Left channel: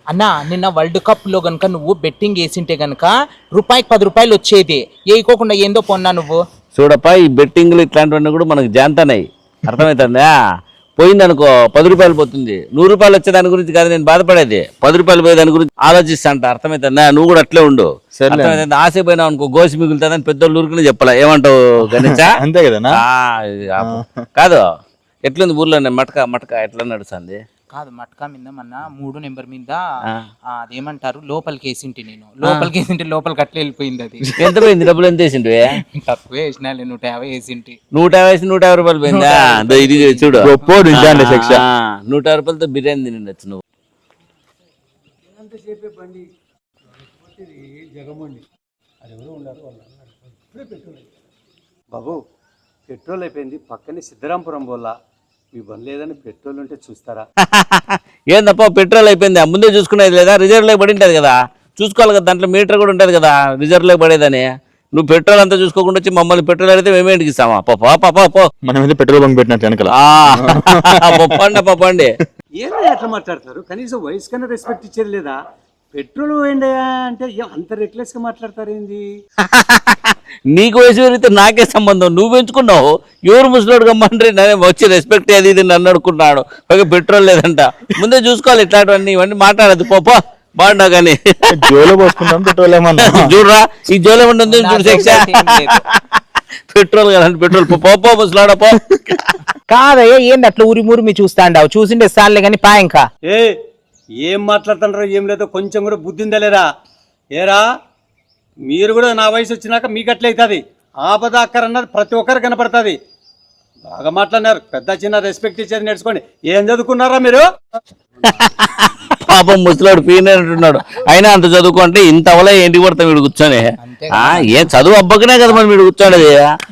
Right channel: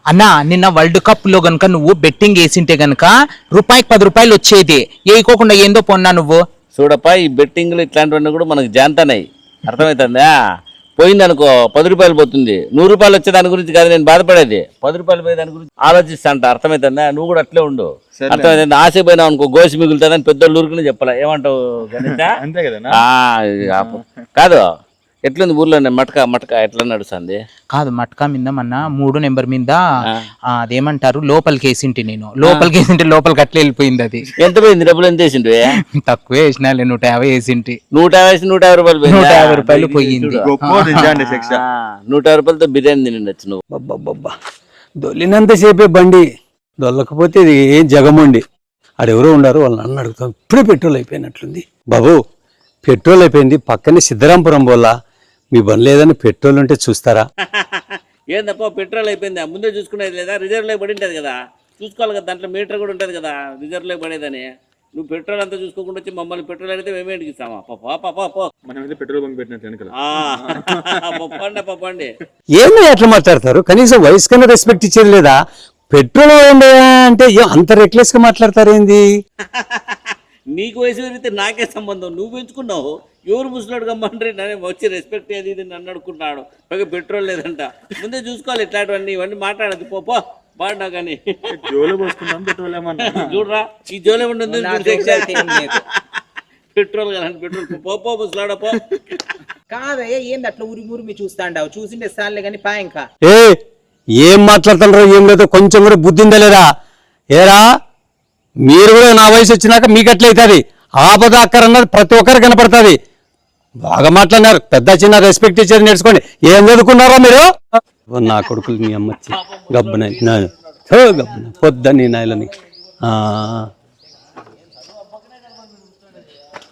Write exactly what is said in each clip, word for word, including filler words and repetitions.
అన్నా నిన్న world cup లో గనుక నువ్వు బెట్టింగ్ వేసింటే గనుక రూపాయికి పది రూపాయలు వచ్చేది, వేయకోకుండా ఏందో పొన్నా నువ్వు. చూడప్ప ఈ బెట్టింగ్లు ఇట్లాంటివన్నీ కూడా మనకు జాంతనాయి, అర్థమవుతుందా? పోయిందనుకో పది రూపాయలు పోతుంది, నూరు రూపాయలు వచ్చే దాని గురించి కాదు నేను బాధపడేది, పది రూపాయలు పోయే దాని గురించి ఆలోచిస్తా అంట. అర్థమవుతుందా? నువ్వు కూడా అట్లే ఉండు, అర్థమైంది? ఆశ పోయినావు అనుకో గోసి మిగులుతుందని పెద్దోళ్ళు ఊరికి చెప్పాలా, ఏమంటావు గణేశ? అంతే కదా. కాదు ఎట్లుంది ఊర్లో మటక మటక ఎట్లా నడుస్తుంది? కాదు మట్కా మీద మన మూడు నెంబర్ మీద అదేమంటారు లోపలికి వేసింటి, నేను లోపలికి వేసింటే లోపలికి అట్లా వెళ్ళిపోయింది. అది ఎంత పోయింది? డబ్బులు ఎంత వేసిండు? తక్కువే వేసినా, నూట యాభై వేసింటి. నూట యాభై నూట యాభై రూపాయలు పోయిందా? చూడు నూట యాభై రూపాయలతో బిర్యానీ తినచ్చు నువ్వు. అబ్బబ్బబ్బా దొల్లినంతసేపే బండి, దొల్లకపోతే ఇది ఏం జగమండి. ఆడెవరో ఉన్నారు, వాళ్ళని అన్న అడుగుతాం. ఇప్పుడే పెట్రోల్ అయిపోయినట్లుంది బాబు. పెట్రోల్ అయిపోయింది, పక్కనే సిద్ధరాంపురం బోల్లా. మీ బండి లేదని పెట్రోల్ ఉంటే చూస్తారా? ఏందప్ప పెట్రోల్ అయిపోయింది, ముందే చూసుకునేది లేదా? రిజర్వ్ లేక పడి ఉంటుంది కదా, చూసుకోవాలి కదా, దాంట్లో మీటర్ కూడా ఉంటుంది కదా రిజర్వ్ లేక పడేదని. నువ్వు పెట్రోల్ అంతా చూసుకోకుండా వచ్చి మమ్మల్ని పెట్రోల్ అయితే మేమే ఇంటికి ఇస్తామా? పో మనం పెట్రోల్ బంక్ పెట్టినట్టు వెనకాల పప్పండి పప్పండి. ఏమో ఎట్లా మాట్లాడతారు? కనీసం వయసు కన్నా రెస్పెక్ట్ ఇచ్చేది లేదా? పెట్రోల్ అంటే అంత రెక్లెస్ గా మాట్లాడతారు ఏంది? నీకు వయసు పెరిగితే నాకే సంబంధం, నువ్వు పెంచుకున్నావు. ఎవరు ముసలోడు గమ్మంటే వచ్చి రెస్పెక్ట్ అది ఇది నన్ను అడుకుంటున్నాడు, పైగా పెట్రోల్ లేదంట. ముందే చూసుకోవాలి ఇట్లాంటివన్నీ, ఇవన్నీ మాట్లాడదు. పో బాగుండవు కానీ జోలో పోసుకుంటాం పెట్రోల్ ఏమన్నా చూడరా, ఈ జోలో ఉంటుంది చూడు శిక్ష. పెట్రోల్ కదండి పెట్రోల్. పో ముసలాడ పో. కాదయ్యా ఏంది అట్లా ఊరి మూరి మీ చూస్తాండావు? చూసిండే సార్లే కానీ పా. ఇంకా ఏ ఏం మాట్లాడుతున్నారు? ఏం లేదో కొంచెం కూడా బుద్ధి ఉందా లేదా? ఏరా మీరు కూడా నా వయసు వచ్చినాక మీకు అట్లయితుంది. ఆపద అక్కరన్నది ప్రతి ఒక్కరు కనపడుతుంది. బాగా మాట్లాడినారు, పెద్ద చిన్న రెస్పెక్ట్ ఇచ్చేది నేర్చుకోండి. ఏం చదువుకున్నారా మీరు? పాపం ముసలాడు పీనట్టున్నాడు, అయినా అంత చదువుకోండి ఇంత అవలే ఏంటి కొడతా వీడు కూర్చొని. ఏం చదువు అబ్బకనే కదా మరి వీడు కూర్చోండి.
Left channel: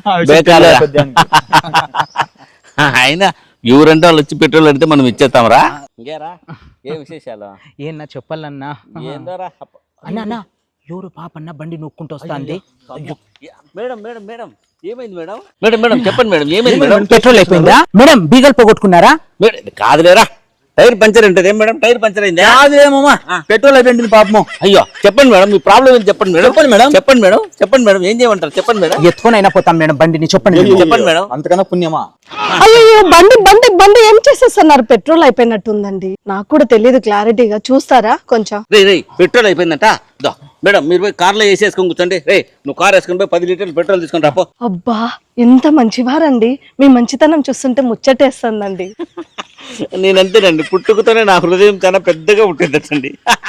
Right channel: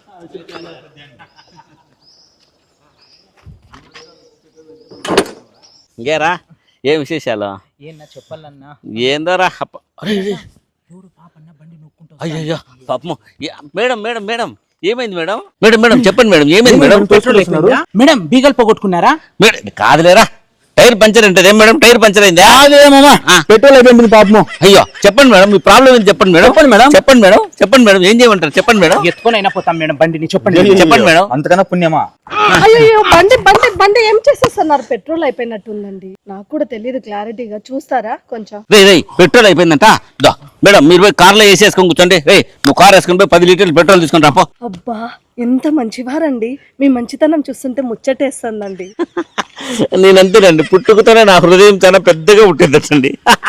అయినా ఎవరంటే వాళ్ళు వచ్చి పెట్రోల్ అడితే మనం ఇచ్చేస్తాంరా. ఇంకేరా ఏ విశేషాలు? ఏనా చెప్పాలన్నా? ఏందోరా ఎవరు పాపన్న బండి నొక్కుంటూ మేడం మేడం మేడం ఏమైంది మేడం? మేడం మేడం చెప్పండి మేడం ఏమైంది మేడం? పెట్రోల్ అయిపోయిందా మేడం? బీగల్ పోగొట్టుకున్నారా? మేడం కాదులేరా, టైర్ పంచర్ ఉంటుంది. ఏం మేడం టైర్ పంచర్ అయిందా? పెట్రోల్ అయిపోయింది పాపం. అయ్యో చెప్పండి మేడం, మీ ప్రాబ్లం ఏంటి చెప్పండి మేడం. చెప్పండి మేడం చెప్పండి మేడం చెప్పండి మేడం ఏం చేయమంటారు చెప్పండి మేడం. ఎత్తుకొని అయినా పోతాం మేడం బండిని, చెప్పండి చెప్పండి మేడం. అంతకన్నా పుణ్యమా? అయ్యో బండి బండి బండి ఏం చేసేస్తున్నారు? పెట్రోల్ అయిపోయినట్టుందండి, నాకు కూడా తెలియదు క్లారిటీగా, చూస్తారా కొంచెం? రే రే పెట్రోల్ అయిపోయిందంట. మేడం మీరు పోయి కార్లో వేసేసుకొని కూర్చోండి. రే నువ్వు కార్ వేసుకొని పోయి పది లీటర్లు పెట్రోల్ తీసుకొని రాపో. అబ్బా ఎంత మంచివారండి, మీ మంచితనం చూస్తుంటే ముచ్చటేస్తుందండి. నేనంతేనండి, పుట్టుకతోనే నా హృదయం చాలా పెద్దగా పుట్టిందండి.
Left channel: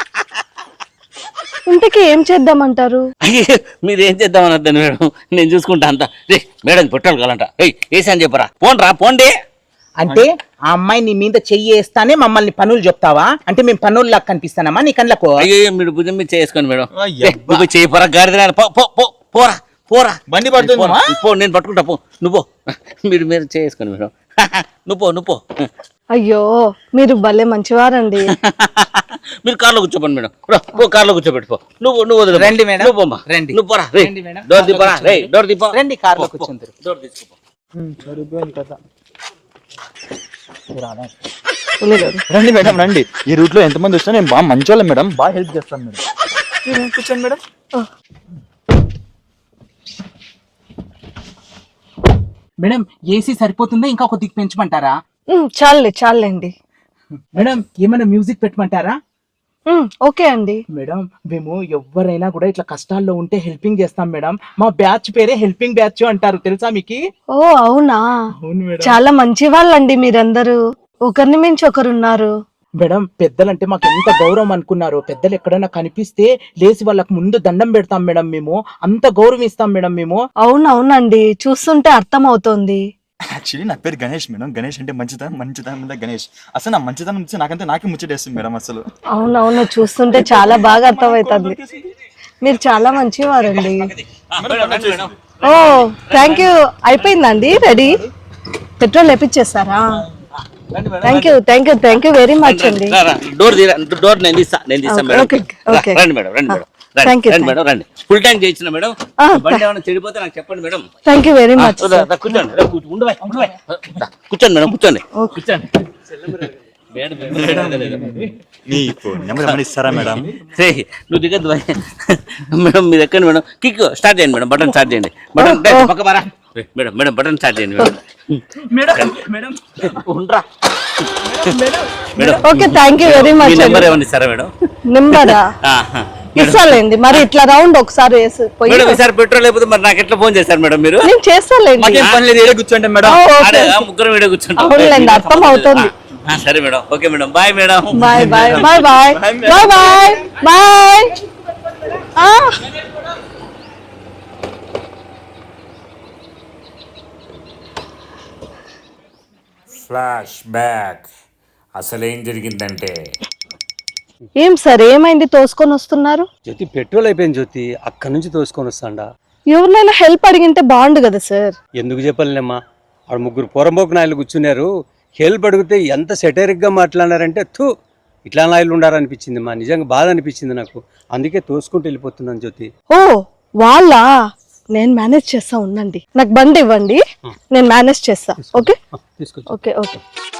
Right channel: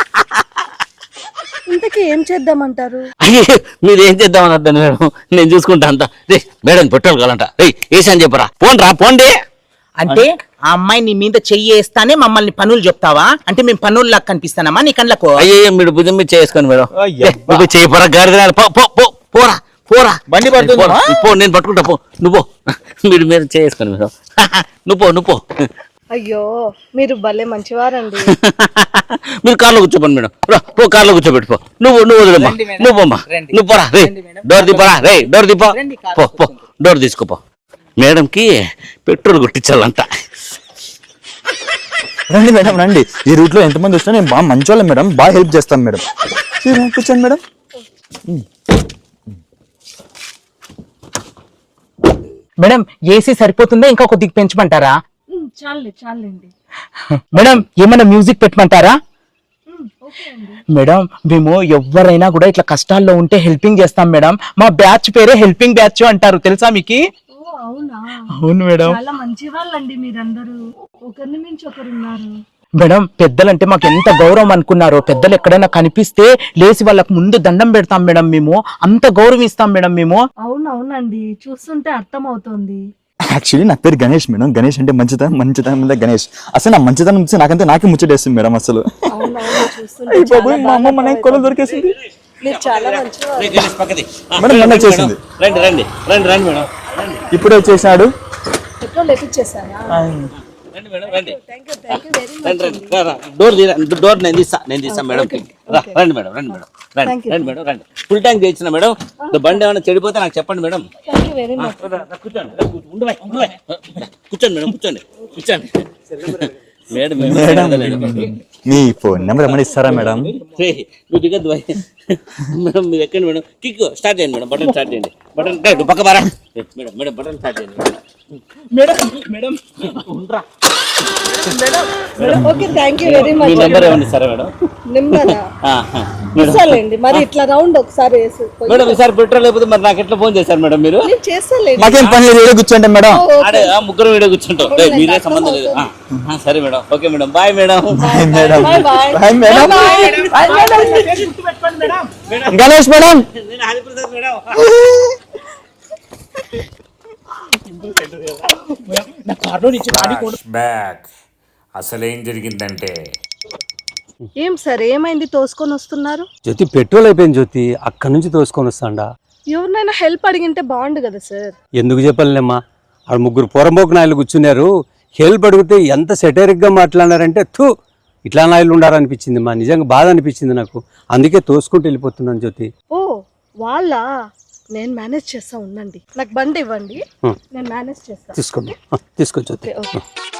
ఇంటికి ఏం చేద్దామంటారు? అయ్యే మీరు ఏం చేద్దామని అర్థం మేడం, నేను చూసుకుంటా అంతా. రే మేడం పెట్రోల్ కావాలంట, రే వేసి అని చెప్పరా. పోండి రా పోండి. అంటే ఆ అమ్మాయి నీ మీద చెయ్యి వేస్తానే మమ్మల్ని పనులు చెప్తావా? అంటే మేము పనులు లాగా కనిపిస్తానమ్మా నీ కళ్ళకు? అయ్యే మీరు భుజం మీద చేసుకోండి మేడం. చేయపోరా గారి పోరా పోరా బండి పడుతుంది పో, నేను పట్టుకుంటా పో. నువ్వు మీరు మీరు చేసుకోండి మేడం. నువ్వు పో నువ్వు పో. అయ్యో మీరు భలే మంచివారండి. మీరు కార్లో కూర్చోపండి మేడం. పో కార్లో కూర్చోబెట్టుకో. నువ్వు నువ్వు నువ్వు పోమ్మా, నువ్వు పోరా. రే డోర్ దీపరా, రే డోర్ దీపో, డోర్ తీసుకోపో. మేడం కి పెట్రోల్ కొట్టించాలంట. రండి మేడం రండి, ఈ రూట్ లో ఎంతమంది వచ్చినా నేను బాగా మంచోళ్ళం మేడం, బాగా హెల్ప్ చేస్తాను మేడం. కూర్చోండి మేడం. మేడం ఏసీ సరిపోతుందా ఇంకా కొద్దిగా పెంచమంటారా? చాలే చాలండి. మేడం ఏమైనా మ్యూజిక్ పెట్టమంటారా? ఓకే అండి. మేడం మేము ఎవరైనా కూడా ఇట్లా కష్టాల్లో ఉంటే హెల్పింగ్ చేస్తాం మేడం. మా బ్యాచ్ పేరే హెల్పింగ్ బ్యాచ్ అంటారు, తెలుసా మీకు? ఓ అవునా? అవును మేడం. చాలా మంచి వాళ్ళండి మీరందరూ, ఒకరిని మించి ఒకరున్నారు. మేడం పెద్దలంటే మాకు ఎంత గౌరవం అనుకున్నారో, పెద్దలు ఎక్కడైనా కనిపిస్తే లేచి వాళ్ళకు ముందు దండం పెడతాం మేడం, మేము అంత గౌరవిస్తాం మేడం మేము. అవునవునండి, చూస్తుంటే అర్థం అవుతోంది. యాక్చువల్లీ నా పేరు గణేష్ మేడం. గణేష్ అంటే మంచితనం, మంచితనం మీద గణేష్. అసలు నా మంచితనం నుంచి నాకంటే నాకే ముచ్చటేస్తుంది మేడం అసలు. అవునవును చూస్తుంటే చాలా బాగా అర్థమవుతుంది. మీరు చాలా మంచివారు. Thank you. అయిపోయిందండి, పెట్రోల్ వేపించేస్తారా? Thank you thank you thank you very much అండి. డోర్ డోర్ నేను తీస్తా నేను తీస్తా మేడం. రండి మేడం రండి మేడం రండి మేడం రండి. ఫుల్ ట్యాంక్ చేయించిన మేడం. బండి ఏమైనా చెడిపోతే నాకు చెప్పండి madam. Thank you very much. కూర్చోండి కూర్చోండి మేడం కూర్చోండి కూర్చోండి. మేడం మేడం మీ ఫోన్ నెంబర్ ఏమైనా ఇస్తారా మేడం? రేయ్, నువ్వు దిగద్దు భయ్. మేడం మీరు ఎక్కండి మేడం. కిక్ స్టార్ట్ చేయండి మేడం. బటన్ స్టార్ట్ చేయండి. బటన్ రేయ్, పక్క మారా. రేయ్, మేడం మేడం బటన్ స్టార్ట్ చేయండి మేడం. మేడం మేడం ఉండ్రా. ఓకే థ్యాంక్ యూ వెరీ మీ మచ్. నెంబర్ ఏమన్నా ఇస్తారా మేడం? నిమ్మరా ఆ, ఆ. మేడం ఇస్తాలేండి, మరి ఇట్లా రౌండ్ ఒకసారి వేసి పోయి మేడం ఈసారి పెట్రోల్ లేకపోతే మరి నాకు ఎట్లా ఫోన్ చేశారు మేడం మీరు? నేను చేస్తాలేండి. మాకేం పని లేదు, ఏడే కూర్చోండి మేడం. ఓ, ఓకే. ఆడే ఆ ముగ్గురు వీడియో కూర్చుంటాం. అవునులేండి, రేయ్, మీరే అర్థం సంబంధం లేదు. అవుతుంది. ఆ, ఆ, సరే madam. Okay madam. Bye madam. Bye bye bye bye bye bye bye. ఆ, గణేష్ మేడం. Flash back. అసలేం జరిగిందంటే ఏం సార్ ఏమైంది తోసుకొని వస్తున్నారు? జ్యోతి పెట్రోల్ అయిపోయింది జ్యోతి, అక్కడి నుంచి తోసుకొని వస్తాండా. ఎవరినైనా హెల్ప్ అడిగింటే బాగుండు కదా సార్. ఎందుకు చెప్పలేమ్మా, ఆడ ముగ్గురు పొరంబోకు నాయలు కూర్చున్నారు. హెల్ప్ అడిగితే ఎంత సెటరిక్ గా మాట్లాడారంటే థూ ఇట్లా నాయలు ఉండారనిపించింది మా, నిజంగా బాధ అనిపించింది నాకు. అందుకే తోసుకుంటూ వెళ్ళిపోతున్నాను జ్యోతి. ఓ వాళ్ళ నేను మేనేజ్ చేస్తా ఉండండి, నాకు బండి ఇవ్వండి, నేను మేనేజ్ చేస్తా. తీసుకో ఓకే తీసుకో జ్యోతి. Okay okay